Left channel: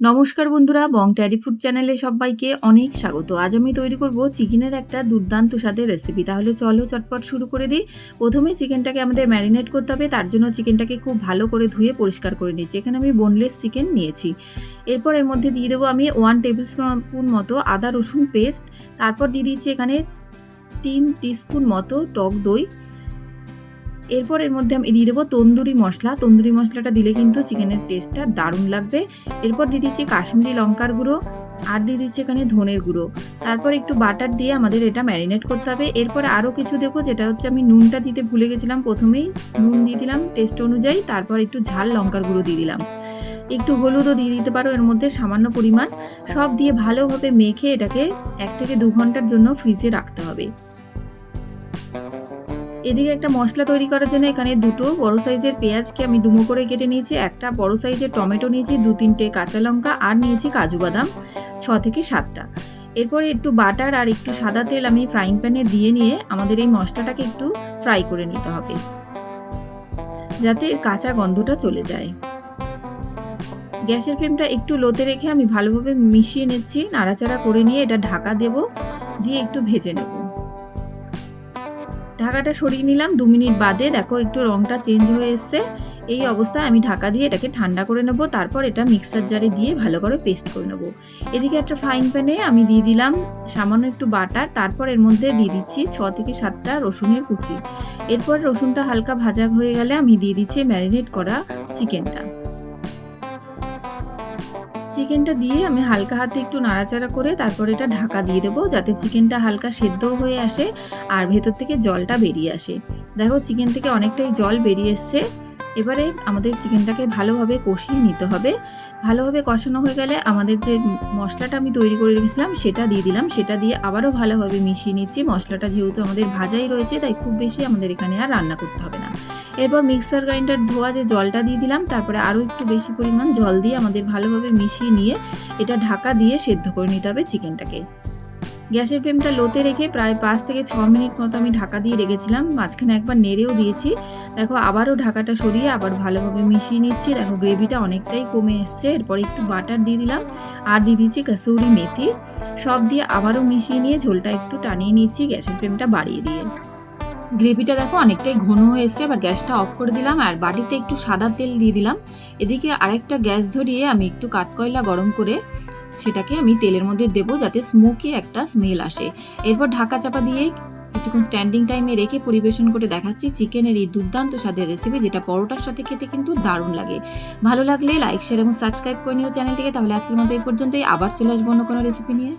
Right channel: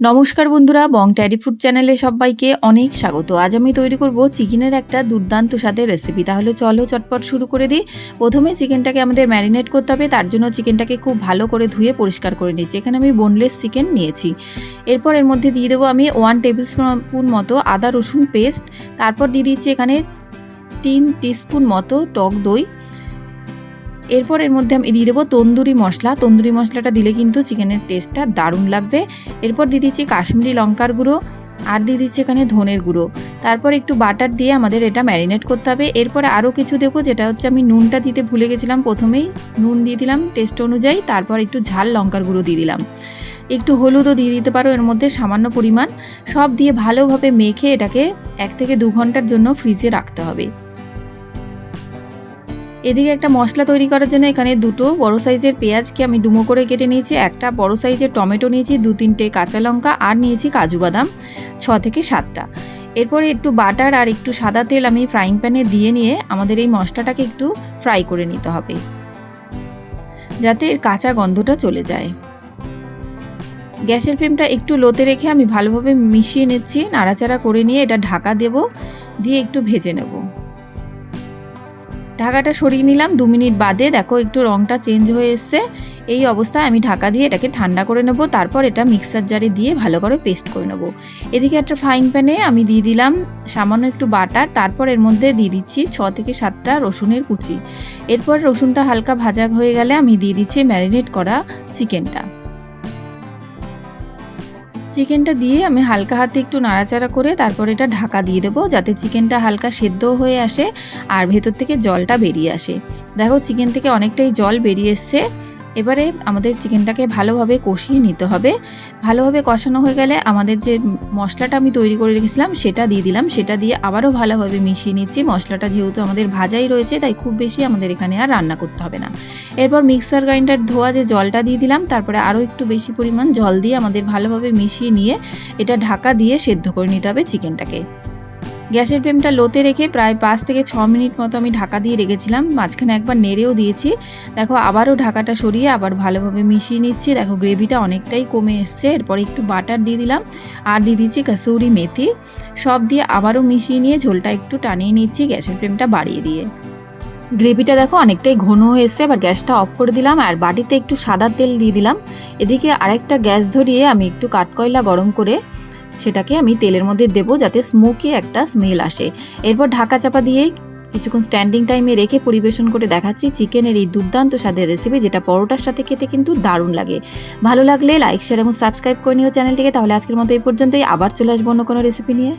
নমস্কার বন্ধুরা, বং ট্যারি ফুড চ্যানেলে সবাইকে অনেক স্বাগত। আজ আমি তৈরি করব চিকেনের একটা দুর্দান্ত স্বাদের রেসিপি তাহলে চলো চটপট শুরু করে দিই। প্রথমে চিকেনটাকে আমাদের ম্যারিনেট করতে হবে। তার জন্য চিকেনটাকে খুব ভালো করে ধুয়ে পরিষ্কার করে নিয়েছি। এখানে আমি বোনলেস চিকেন নিয়েছি। এরপর এর মধ্যে দিয়ে দেবো আমি ওয়ান টেবিল স্পুন মতো আদা রসুন পেস্ট তারপর দিয়ে দিচ্ছি এখানে তিন টিস্পুন মতো টক দই। এরপর এর মধ্যে আমি দিয়ে দেবো তন্দুরি মশলা। তন্দুরি মশলাটা দিলে কিন্তু চিকেনের টেস্টটা দারুণ লাগবে। এরপর দিয়ে দিচ্ছি কাশ্মীরি লঙ্কার গুঁড়ো আর দিয়ে দিচ্ছি এখানে ধনের গুঁড়ো। তারপর একটু বাটার দিয়ে আমাদের এটা ম্যারিনেট করতে হবে। এরপরে আরও কিছু দেবো, যেটা হচ্ছে আমি নুনটা দিতে ভুলে গেছিলাম প্রথমেই। নুন দিয়ে দিলাম টেস্ট অনুযায়ী। তারপর একটু ঝাল লঙ্কার গুঁড়ো দিয়ে দিলাম। একটু হলুদও দিয়ে দিতে পারো, এর মধ্যে সামান্য পরিমাণ। সব দিয়ে ভালোভাবে মেখে এটাকে এক থেকে দু ঘণ্টার জন্য ফ্রিজে রাখতে হবে। এদিকে একটা মশলা তৈরি করার জন্য এখানে দুটো বড় সাইজের পেঁয়াজকে আমি ডুমো করে কেটে নিয়েছি, একটা বড় সাইজের টমেটো নিয়েছি, দু তিনটে কাঁচা লঙ্কা, আর নিয়েছি কাজু বাদাম, ছ থেকে সাতটা। এরপরে একটু বাটার আর একটু সাদা তেল আমি ফ্রাইং প্যানে দিয়ে নিয়ে আমাদের এই মশলাটাকে একটু ফ্রাই করে নিতে হবে, যাতে এর কাঁচা গন্ধটা চলে যায়। গ্যাসের ফ্লেমটা একটু লোতে রেখে আমি ভালোভাবে মিশিয়ে নিচ্ছি, নাড়াচাড়া করে নিয়ে এটা ঢাকা দেব, দিয়ে একটু ভেজে নেব। ঢাকাটা সরিয়ে নিলাম, দু মিনিট বাদে। দেখো, একটু রঙটা চেঞ্জ হয়ে এসছে। এই অবস্থায় আমি ঢাকা দিয়ে এটাকে ঠান্ডা করে নেব, তারপর এটা মিক্সার জারে দিয়ে ভালো করে পেস্ট করে নেব। এদিকে একটা ফ্রাইং প্যানে আমি দিয়ে দিলাম সামান্য একটু বাটার, তারপর এর মধ্যে দিয়ে দিচ্ছি ছ থেকে সাতটা রসুনের কুচি। এরপর রসুনটা হালকা ভাজা হয়ে গেলে আমি দিয়ে দিচ্ছি ম্যারিনেট করা চিকেনটা চিকেনটা দিয়ে আমি হালকা হাতে একটু নাড়াচাড়া করে তারপর এটা ঢাকা দিয়ে দেবো, যাতে চিকেনটা হালকা সেদ্ধ হয়ে আসে আর ভেতর থেকে জলটা বেরিয়ে আসে। দেখো, চিকেন থেকে অনেকটাই জল বেরিয়ে এসছে। এবারে আমাদের চিকেনটাকে ভালোভাবে কষিয়ে নিতে হবে। ভালোভাবে কষানো হয়ে গেলে আমাদের যে মশলাটা আমি তৈরি করে রেখেছিলাম, সেটা দিয়ে দিলাম। সেটা দিয়ে আবারও ভালোভাবে মিশিয়ে নিচ্ছি। মশলাটা যেহেতু আমাদের ভাজাই রয়েছে, তাই খুব বেশি আমাদের এখানে আর রান্না করতে হবে না। এরপর মিক্সার গ্রাইন্ডার ধোয়া যে জলটা দিয়ে দিলাম, তারপরে আরও একটু বেশি পরিমাণ জল দিয়ে আমাদের ভালোভাবে মিশিয়ে নিয়ে এটা ঢাকা দিয়ে সেদ্ধ করে নিতে হবে চিকেনটাকে। গ্যাসের ফ্লেমটা লোতে রেখে প্রায় পাঁচ থেকে ছ মিনিট মতো আমি ঢাকা দিয়ে রেখেছিলাম। মাঝখানে একবার নেড়েও দিয়েছি। দেখো, আবারও ঢাকাটা সরিয়ে আবার ভালোভাবে মিশিয়ে নিচ্ছি। দেখো, গ্রেভিটা অনেকটাই কমে এসছে। এরপর একটু বাটার দিয়ে দিলাম। আর দিয়ে দিচ্ছি কাসুরি মেথি। সব দিয়ে আবারও মিশিয়ে নিয়ে ঝোলটা একটু টানিয়ে নিচ্ছি গ্যাসের ফ্লেমটা বাড়িয়ে দিয়ে। গ্রেভিটা দেখো, অনেকটাই ঘন হয়ে এসছে। এবার গ্যাসটা অফ করে দিলাম আর বাটিতে একটু সাদা তেল দিয়ে দিলাম। এদিকে আরেকটা গ্যাস ধরিয়ে আমি একটু কাঠকয়লা গরম করে সেটাকে আমি তেলের মধ্যে দেবো যাতে স্মোকি একটা স্মেল আসে। এরপর ঢাকা চাপা দিয়ে কিছুক্ষণ স্ট্যান্ডিং টাইমে রেখে পরিবেশন করে দেখাচ্ছি চিকেনের এই দুর্দান্ত স্বাদের রেসিপি যেটা পরোটার সাথে খেতে কিন্তু দারুণ লাগে। ভালো লাগলে লাইক শেয়ার এবং সাবস্ক্রাইব করে নিও চ্যানেলটিকে, তাহলে আজকের মতো এই পর্যন্তই। আবার চলে আসব অন্য কোনো রেসিপি নিয়ে।